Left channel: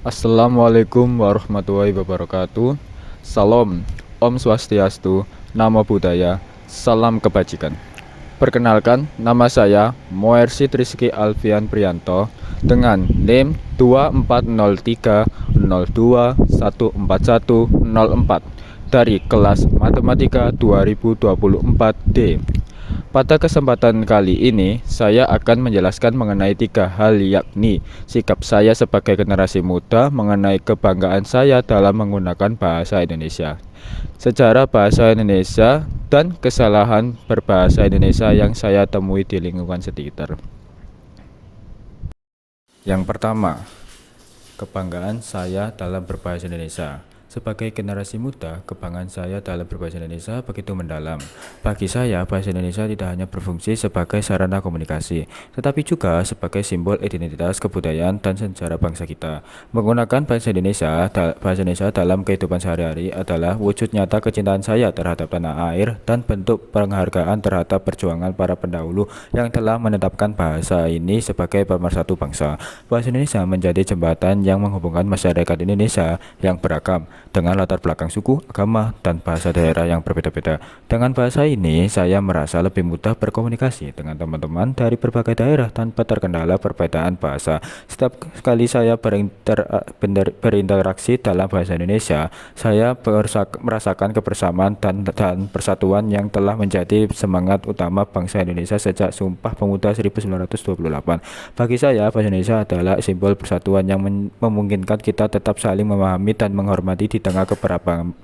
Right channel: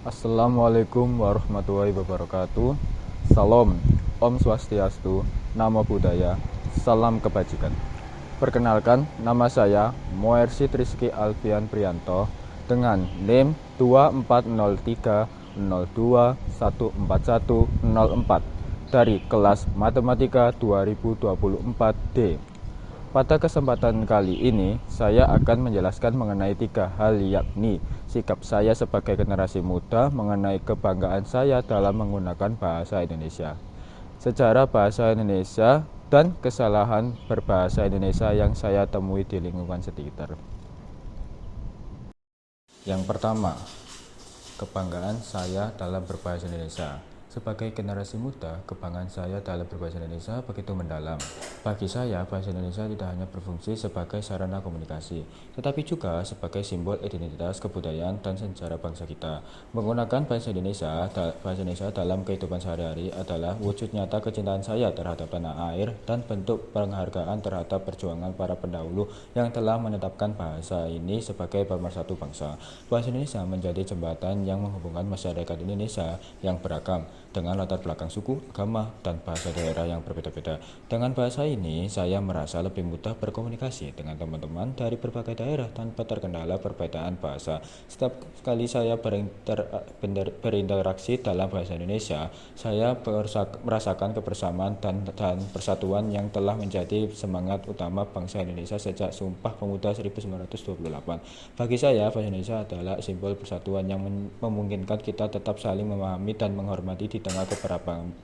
Assalamualaikum warahmatullahi wabarakatuh. Salam, Om Swastiastu, Namo Buddhaya, Salam Kebajikan. Perkenalkan, nama saya Moersi Triski Alfian Prianto dengan NIM 240302141004 dari kelas Matematika 2024D. Pada kesempatan kali ini, saya akan menjelaskan mengenai 3 hal, yakni sikap saya sebagai generasi muda mengenai kebanggaan saya dalam menggunakan bahasa Indonesia, sejarah bahasa Indonesia, dan kesalahan berbahasa Indonesia yang saya temui di lingkungan sekitar. Yang pertama, kebanggaan saya dalam berbahasa Indonesia. Sebagai generasi muda, kebanggaan saya dalam berbahasa Indonesia begitu mendalam. Bagi saya, bahasa Indonesia tidak hanya berfungsi sebagai sarana komunikasi, tetapi juga sebagai simbol identitas, kebudayaan, dan sejarah bangsa kita. Menggunakan bahasa Indonesia dalam kehidupan sehari-hari adalah wujud nyata kecintaan saya terhadap tanah air dan bentuk penghargaan terhadap perjuangan para pendahulu yang telah menetapkan bahasa ini sebagai pemersatu bangsa. Bahasa Indonesia menjadi jembatan yang menghubungkan masyarakat Indonesia yang beragam dengan latar belakang suku, agama, dan bahasa daerah yang berbeda-beda. Dengan bahasa ini, saya merasa lebih mudah berkomunikasi dengan teman-teman dari berbagai daerah tanpa terkendala perbedaan bahasa. Setiap kali saya berinteraksi dalam bahasa Indonesia, saya merasakan kebersamaan dan persatuan yang telah menjadi semangat utama bangsa Indonesia sejak Sumpah Pemuda 1928. Bagi saya, bahasa Indonesia adalah simbol persatuan yang memungkinkan kita tetap saling memahami dan menghormati di tengah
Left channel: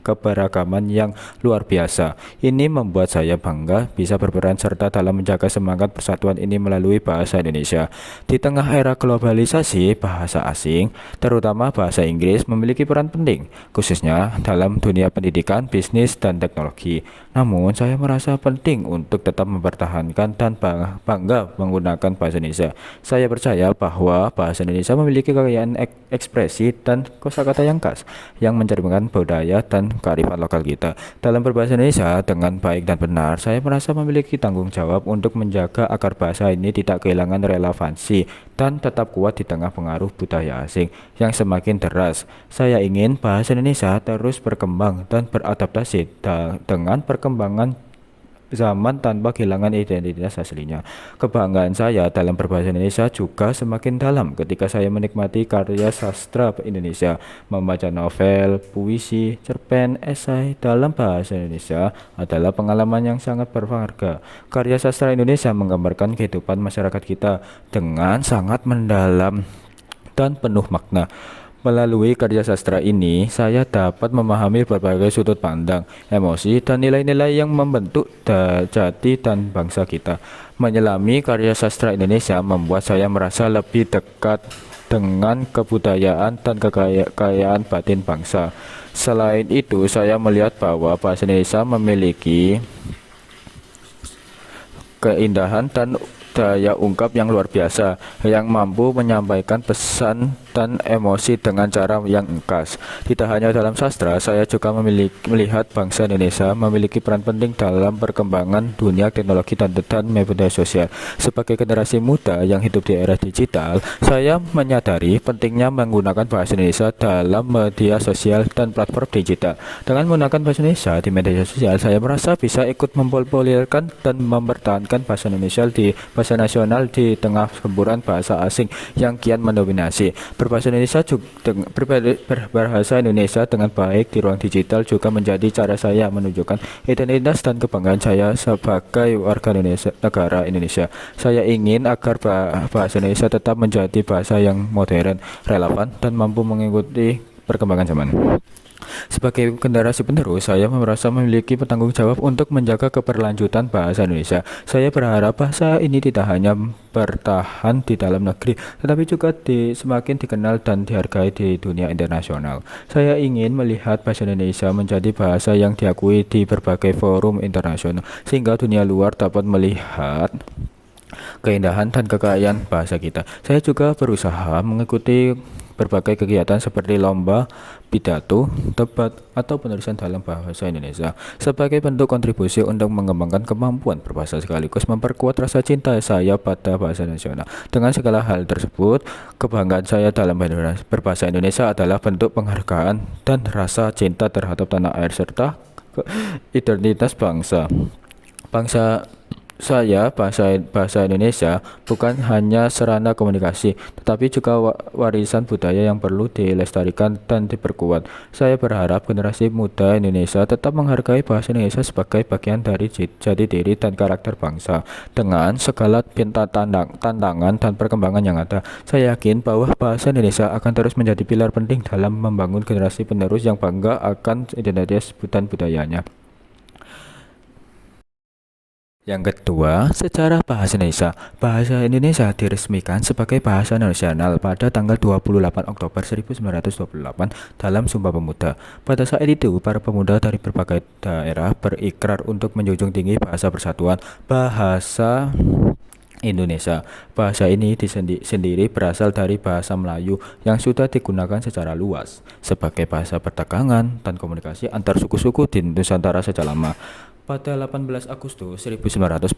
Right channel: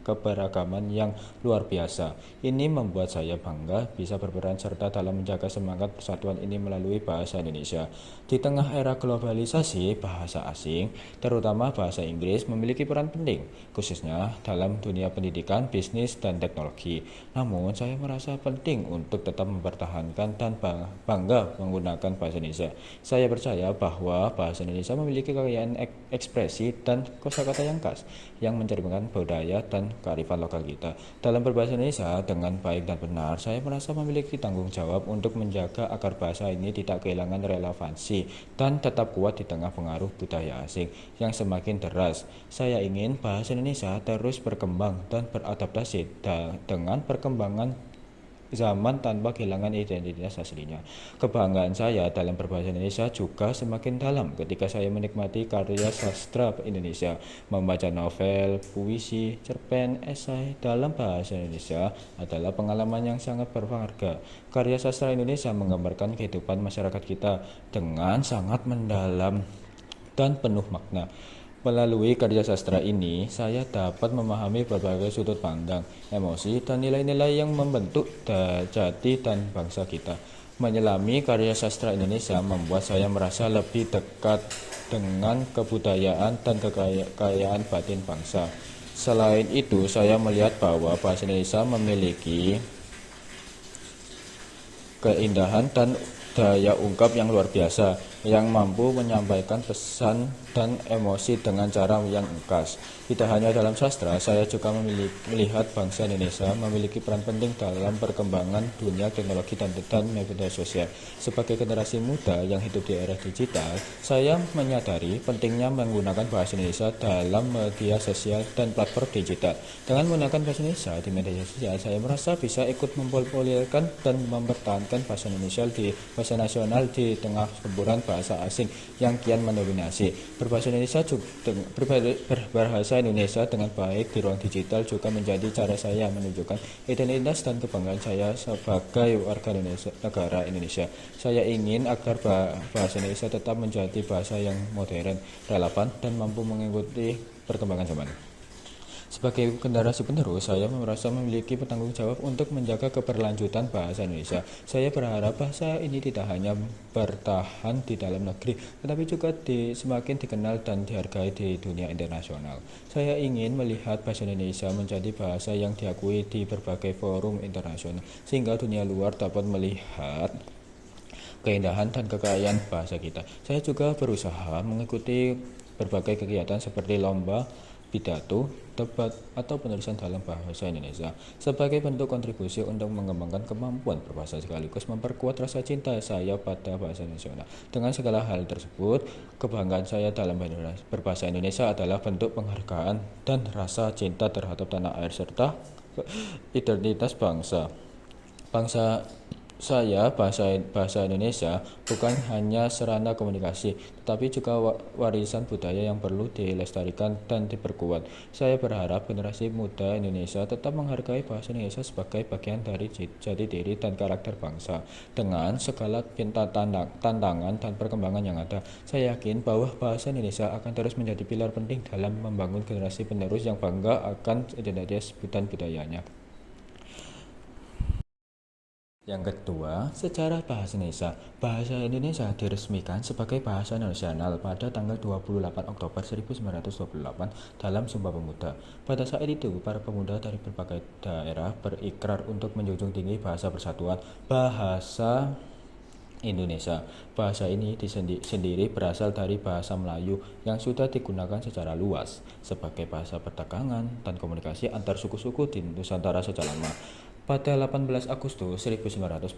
keberagaman yang luar biasa. Ini membuat saya bangga bisa berperan serta dalam menjaga semangat persatuan ini melalui bahasa Indonesia. Di tengah era globalisasi, bahasa asing, terutama bahasa Inggris, memiliki peran penting, khususnya dalam dunia pendidikan, bisnis, dan teknologi. Namun, saya merasa penting untuk tetap mempertahankan dan bangga menggunakan bahasa Indonesia. Saya percaya bahwa bahasa Indonesia memiliki kekayaan ekspresi dan kosakata yang khas, yang mencerminkan budaya dan kearifan lokal kita. Dalam berbahasa Indonesia dengan baik dan benar, saya merasa memiliki tanggung jawab untuk menjaga agar bahasa ini tidak kehilangan relevansi dan tetap kuat di tengah pengaruh budaya asing yang semakin deras. Saya ingin bahasa Indonesia terus berkembang dan beradaptasi dengan perkembangan zaman tanpa kehilangan identitas aslinya. Kebanggaan saya dalam berbahasa Indonesia juga semakin dalam ketika saya menikmati karya sastra Indonesia, membaca novel, puisi, cerpen, esai dalam bahasa Indonesia adalah pengalaman yang sangat berharga. Karya sastra Indonesia menggambarkan kehidupan masyarakat kita dengan sangat mendalam dan penuh makna. Melalui karya sastra ini, saya dapat memahami berbagai sudut pandang, emosi, dan nilai-nilai yang membentuk jati dan bangsa kita. Menyelami karya sastra Indonesia membuat saya merasa lebih dekat dengan kebudayaan dan kekayaan batin bangsa. Selain itu, saya melihat bahwa bahasa Indonesia memiliki keindahan dan daya ungkap yang luar biasa, yang mampu menyampaikan pesan dan emosi dengan cara yang khas. Tidak hanya dalam sastra, saya juga melihat bangsa Indonesia memiliki peran penting dalam perkembangan dunia teknologi dan media sosial. Sebagai generasi muda yang hidup di era digital, saya menyadari pentingnya menggunakan bahasa Indonesia dalam media sosial dan platform digital. Dengan menggunakan bahasa Indonesia di media sosial, saya merasa bisa ikut mempopulerkan dan mempertahankan bahasa Indonesia di bahasa nasional di tengah gempuran bahasa asing yang kian mendominasi. Berbahasa Indonesia dengan baik di ruang digital juga menjadi cara saya menunjukkan identitas dan kebanggaan saya sebagai warga negara Indonesia. Saya ingin agar bahasa Indonesia tetap menjadi bahasa yang modern, relevan, dan mampu mengikuti perkembangan zaman. Sebagai generasi penerus, saya merasa memiliki tanggung jawab untuk menjaga keberlanjutan bahasa Indonesia. Saya berharap bahasa ini tidak hanya bertahan di dalam negeri, tetapi juga semakin dikenal dan dihargai di dunia internasional. Saya ingin melihat bahasa Indonesia menjadi bahasa yang diakui di berbagai forum internasional, sehingga dunia luar dapat melihat keindahan dan kekayaan bahasa kita. Saya juga berusaha mengikuti berbagai kegiatan seperti lomba, pidato, debat, atau penulisan dalam bahasa Indonesia sebagai bentuk kontribusi untuk mengembangkan kemampuan berbahasa sekaligus memperkuat rasa cinta saya pada bahasa nasional. Dengan segala hal tersebut, kebanggaan saya dalam berbahasa Indonesia adalah bentuk penghargaan dan rasa cinta terhadap tanah air serta identitas bangsa. Bangsa saya, bahasa Indonesia bukan hanya sarana komunikasi, tetapi juga warisan budaya yang perlu dilestarikan dan diperkuat. Saya berharap generasi muda Indonesia tetap menghargai bahasa Indonesia sebagai bagian dari jati diri dan karakter bangsa. Dengan segala tantangan dan perkembangan yang ada, saya yakin bahwa bahasa Indonesia akan terus menjadi pilar penting dalam membangun generasi penerus yang bangga akan identitas dan budayanya. Yang kedua, sejarah bahasa Indonesia. Bahasa Indonesia diresmikan sebagai bahasa nasional pada tanggal 28 Oktober 1928 dalam Sumpah Pemuda. Pada saat itu, para pemuda dari berbagai daerah berikrar untuk menjunjung tinggi bahasa persatuan, bahasa Indonesia. Bahasa ini sendiri berasal dari bahasa Melayu yang sudah digunakan secara luas sebagai bahasa perdagangan dan komunikasi antar suku-suku di Nusantara sejak lama. Pada 18 Agustus 1945,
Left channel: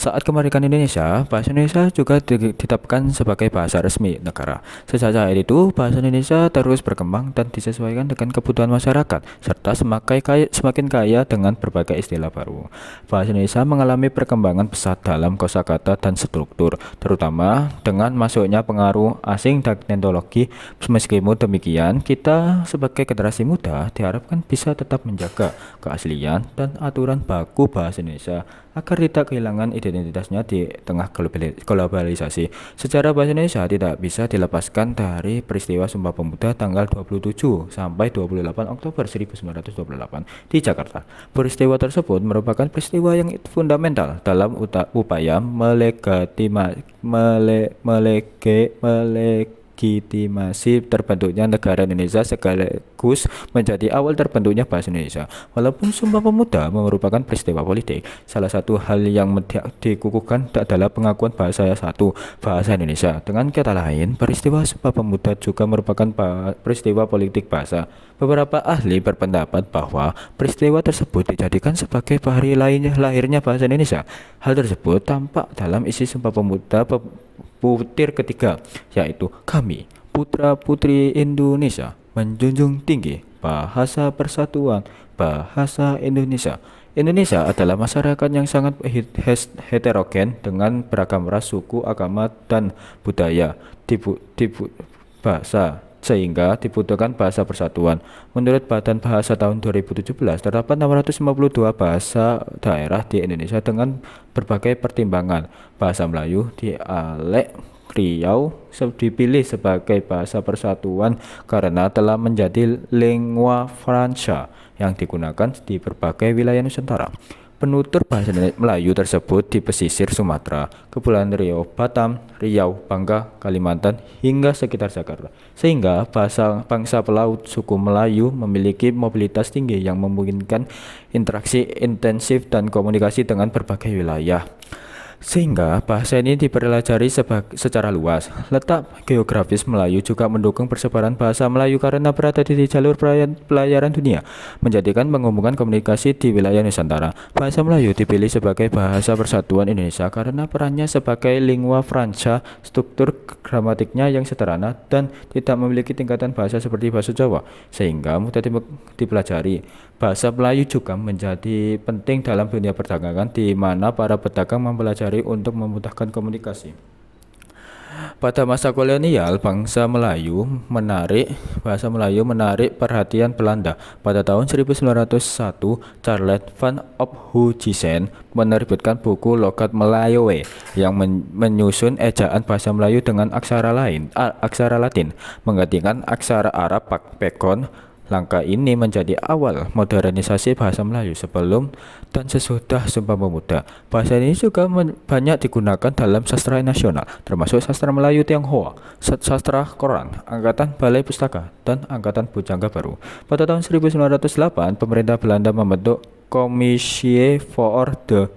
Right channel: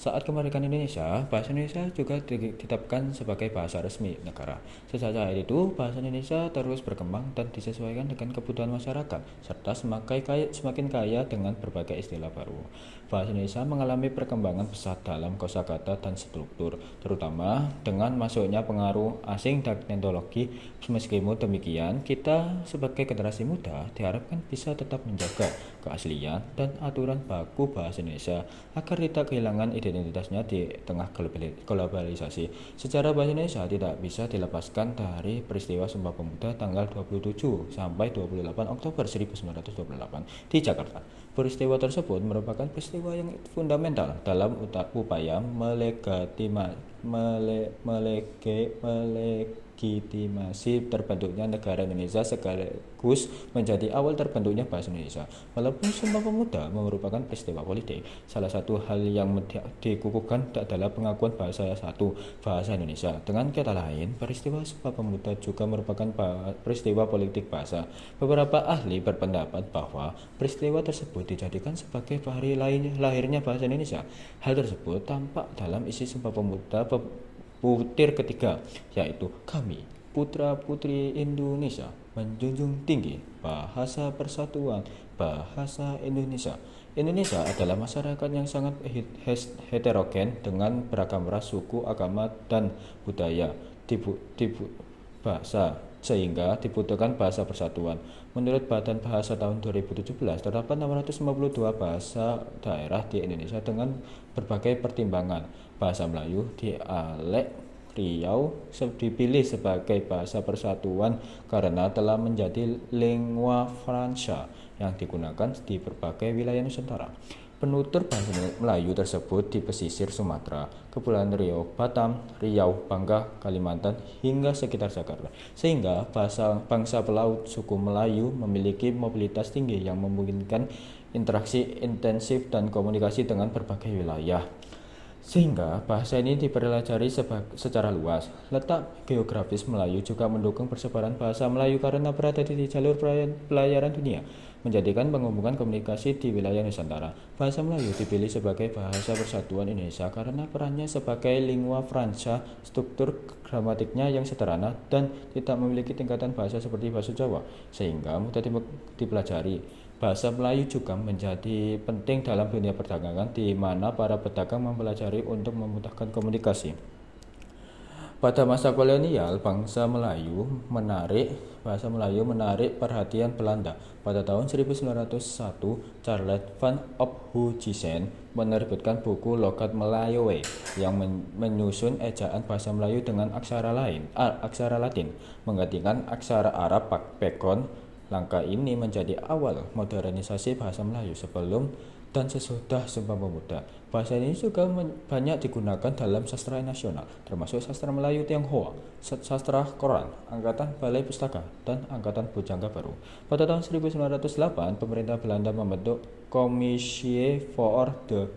saat kemerdekaan Indonesia, bahasa Indonesia juga ditetapkan sebagai bahasa resmi negara. Sejak saat itu, bahasa Indonesia terus berkembang dan disesuaikan dengan kebutuhan masyarakat, serta semakin kaya dengan berbagai istilah baru. Bahasa Indonesia mengalami perkembangan pesat dalam kosakata dan struktur, terutama dengan masuknya pengaruh asing dan teknologi. Meskipun demikian, kita sebagai generasi muda diharapkan bisa tetap menjaga keaslian dan aturan baku bahasa Indonesia agar tidak kehilangan identitasnya di tengah globalisasi. Sejarah bahasa Indonesia tidak bisa dilepaskan dari peristiwa Sumpah Pemuda tanggal 27 sampai 28 Oktober 1928 di Jakarta. Peristiwa tersebut merupakan peristiwa yang fundamental dalam upaya melegitimasi terbentuknya negara Indonesia sekaligus menjadi awal terbentuknya bahasa Indonesia. Walaupun Sumpah Pemuda merupakan peristiwa politik, salah satu hal yang dikukuhkan adalah pengakuan bahasa Indonesia. Dengan kata lain, peristiwa Sumpah Pemuda juga merupakan peristiwa politik bahasa. Beberapa ahli berpendapat bahwa peristiwa tersebut dijadikan sebagai hari lahirnya bahasa Indonesia. Hal tersebut tampak dalam isi Sumpah Pemuda butir ketiga, yaitu kami, putra-putri Indonesia, menjunjung tinggi bahasa persatuan, bahasa Indonesia. Indonesia adalah masyarakat yang sangat heterogen dengan beragam ras, suku, agama, dan budaya. Bahasa sehingga dibutuhkan bahasa persatuan. Menurut Badan Bahasa tahun 2017, terdapat 652 bahasa daerah di Indonesia dengan berbagai pertimbangan. Bahasa Melayu dialek Riau dipilih sebagai bahasa persatuan karena telah menjadi lingua franca yang digunakan di berbagai wilayah Nusantara. Penutur bahasa Melayu tersebut di pesisir Sumatera, Kepulauan Riau, Batam, Riau, Bangka, Kalimantan, hingga sekitar Jakarta. Sehingga bangsa pelaut suku Melayu memiliki mobilitas tinggi yang memungkinkan interaksi intensif dan komunikasi dengan berbagai wilayah. Sehingga bahasa ini dipelajari secara luas. Letak geografis Melayu juga mendukung persebaran bahasa Melayu karena berada di jalur pelayaran dunia, menjadikan menghubungkan komunikasi di wilayah Nusantara. Bahasa Melayu dipilih sebagai bahasa persatuan Indonesia karena perannya sebagai lingua franca, struktur gramatiknya yang sederhana dan tidak memiliki tingkatan bahasa seperti bahasa Jawa, sehingga mudah dipelajari. Bahasa Melayu juga menjadi penting dalam dunia perdagangan di mana para pedagang mempelajari untuk memudahkan komunikasi. Pada masa kolonial, bahasa Melayu menarik perhatian Belanda. Pada tahun 1901, Charles van Ophuijsen menerbitkan buku Logat Melayu yang menyusun ejaan bahasa Melayu dengan aksara Latin, menggantikan aksara Arab Pekon. Langkah ini menjadi awal modernisasi bahasa Melayu sebelum dan sesudah Sumpah Pemuda. Bahasa ini juga banyak digunakan dalam sastra nasional, termasuk sastra Melayu Tionghoa, sastra Koran, Angkatan Balai Pustaka, dan Angkatan Bujangga Baru. Pada tahun 1908, pemerintah Belanda membentuk Commissie voor de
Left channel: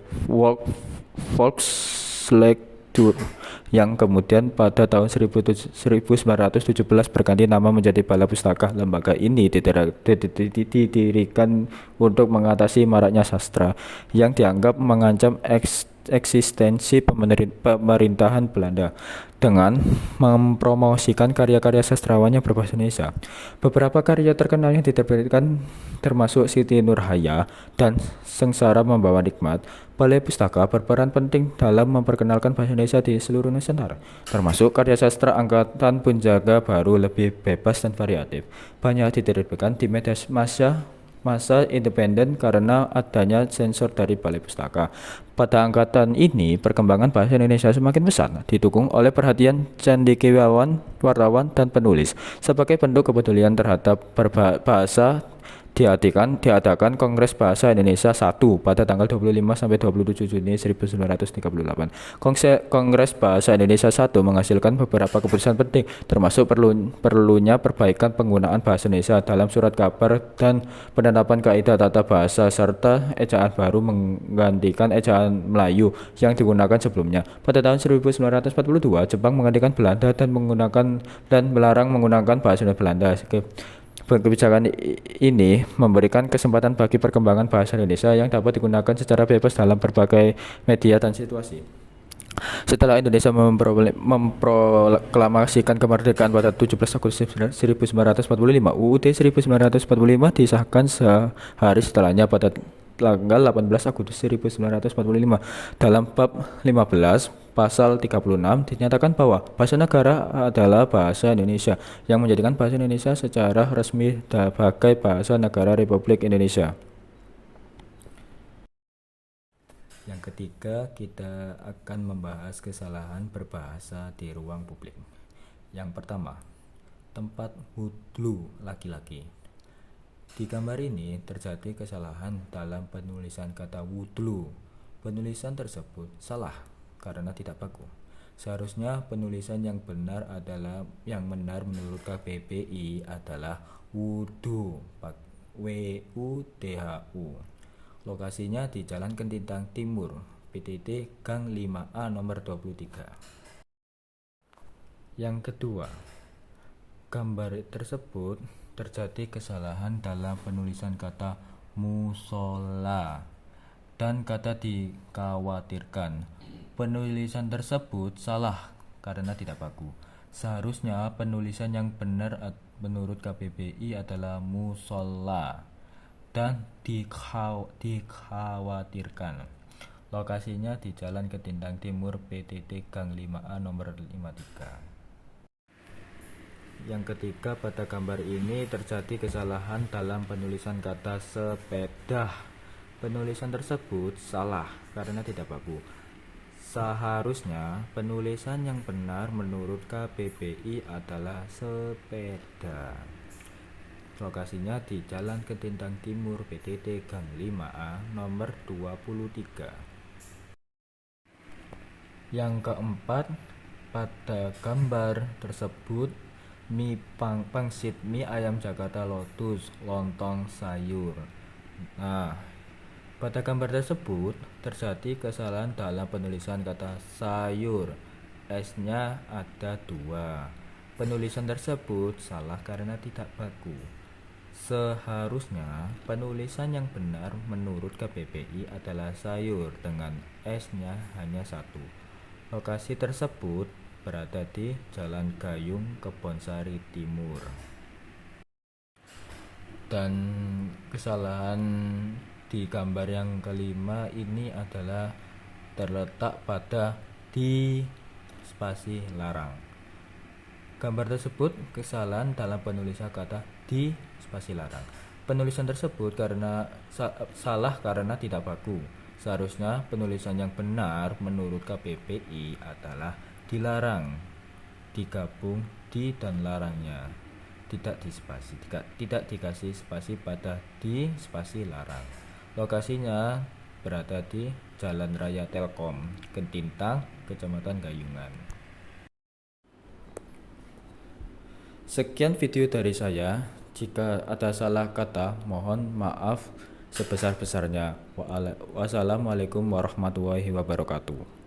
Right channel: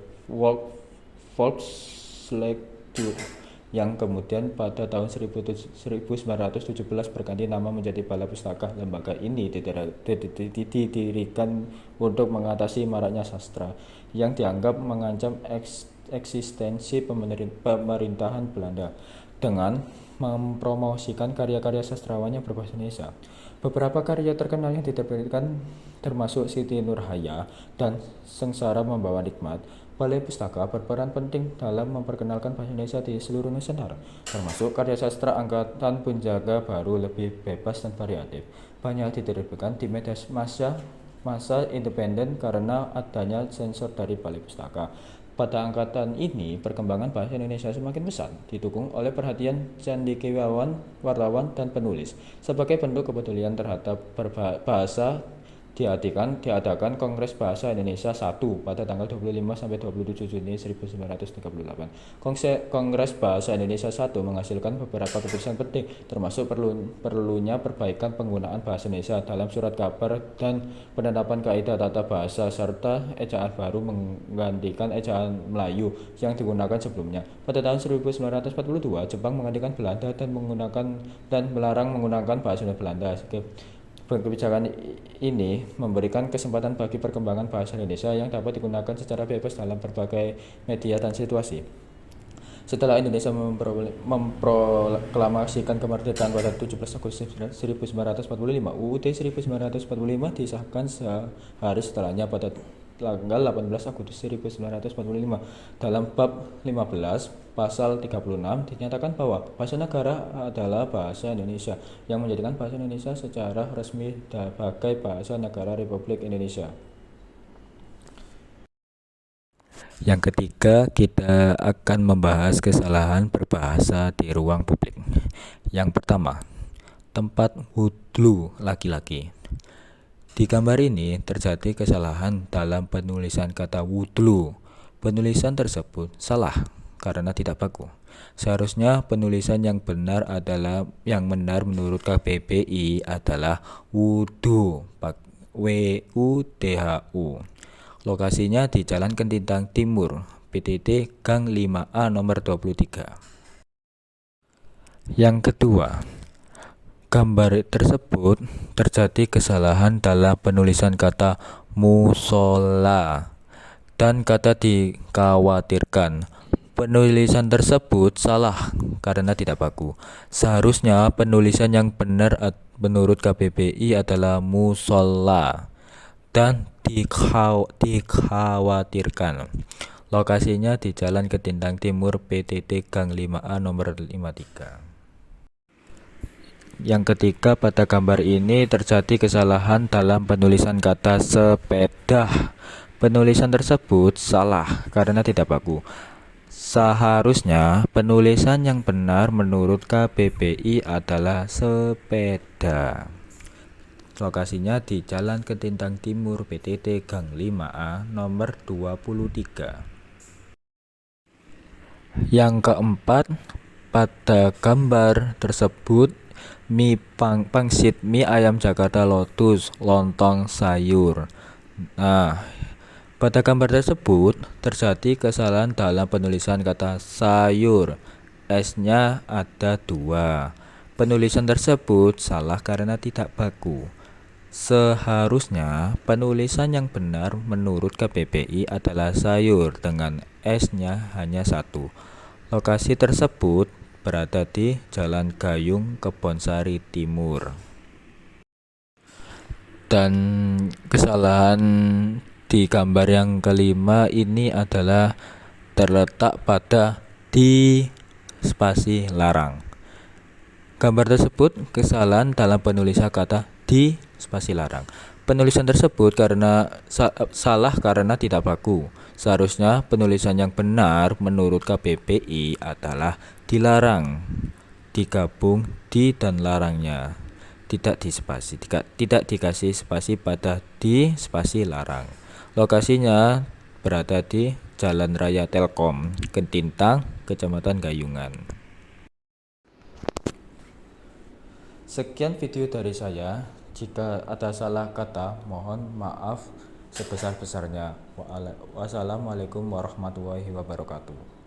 Volkslectuur yang kemudian pada tahun 1917 berganti nama menjadi Balai Pustaka. Lembaga ini didirikan untuk mengatasi maraknya sastra yang dianggap mengancam eksistensi pemerintahan Belanda dengan mempromosikan karya-karya sastrawan yang berbahasa Indonesia. Beberapa karya terkenal yang diterbitkan termasuk Siti Nurhaya dan Sengsara Membawa Nikmat. Balai Pustaka berperan penting dalam memperkenalkan bahasa Indonesia di seluruh Nusantara, termasuk karya sastra angkatan penjaga baru lebih bebas dan variatif. Banyak diterbitkan di media masa independen karena adanya sensor dari Balai Pustaka. Pada angkatan ini, perkembangan bahasa Indonesia semakin besar, didukung oleh perhatian cendekiawan, wartawan, dan penulis. Sebagai bentuk kepedulian terhadap bahasa, diadakan Kongres Bahasa Indonesia 1 pada tanggal 25 sampai 27 Juni 1938. Kongres Bahasa Indonesia 1 menghasilkan beberapa keputusan penting, termasuk perlunya perbaikan penggunaan bahasa Indonesia dalam surat kabar dan penetapan kaidah tata bahasa serta ejaan baru menggantikan ejaan Melayu yang digunakan sebelumnya. Pada tahun 1942, Jepang menggantikan Belanda dan melarang menggunakan bahasa Belanda. Kebijakan ini memberikan kesempatan bagi perkembangan bahasa Indonesia yang dapat digunakan secara bebas dalam berbagai media dan situasi. Setelah Indonesia memproklamasikan kemerdekaan pada 17 Agustus 1945, UUD 1945 disahkan sehari setelahnya pada tanggal 18 Agustus 1945. Dalam bab 15 pasal 36 dinyatakan bahwa bahasa negara adalah bahasa Indonesia, yang menjadikan bahasa Indonesia secara resmi sebagai bahasa negara Republik Indonesia. Yang ketiga, kita akan membahas kesalahan berbahasa di ruang publik. Yang pertama, tempat wudhu laki-laki. Di gambar ini terjadi kesalahan dalam penulisan kata wudhu. Penulisan tersebut salah karena tidak baku. Seharusnya penulisan yang benar menurut KBBI adalah wudhu, WUDHU. Lokasinya di Jalan Kentintang Timur, PTT Gang 5A nomor 23. Yang kedua, gambar tersebut terjadi kesalahan dalam penulisan kata musola dan kata dikhawatirkan. Penulisan tersebut salah karena tidak baku. Seharusnya penulisan yang benar menurut KBBI adalah musola dan dikhawatirkan. Lokasinya di Jalan Kentintang Timur, PTT Gang 5A nomor 53. Yang ketiga, pada gambar ini terjadi kesalahan dalam penulisan kata sepeda. Penulisan tersebut salah karena tidak baku. Seharusnya penulisan yang benar menurut KBBI adalah sepeda. Lokasinya di Jalan Kentintang Timur, PTT Gang 5A nomor 23. Yang keempat, pada gambar tersebut pangsit mie ayam Jakarta Lotus lontong sayur. Nah, pada gambar tersebut terjadi kesalahan dalam penulisan kata sayur. S-nya ada 2. Penulisan tersebut salah karena tidak baku. Seharusnya penulisan yang benar menurut KBBI adalah sayur dengan S-nya hanya 1. Lokasi tersebut berada di Jalan Gayung, Kebonsari Timur. Dan kesalahan di gambar yang kelima ini adalah terletak pada di spasi larang. Gambar tersebut kesalahan dalam penulisan kata di spasi larang. Penulisan tersebut salah karena tidak baku. Seharusnya penulisan yang benar menurut KBBI adalah dilarang, digabung di dan larangnya, tidak dikasih spasi pada di spasi larang. Lokasinya berada di Jalan Raya Telkom, Kentintang, Kecamatan Gayungan. Sekian video dari saya. Jika ada salah kata, mohon maaf sebesar-besarnya. Wassalamualaikum warahmatullahi wabarakatuh.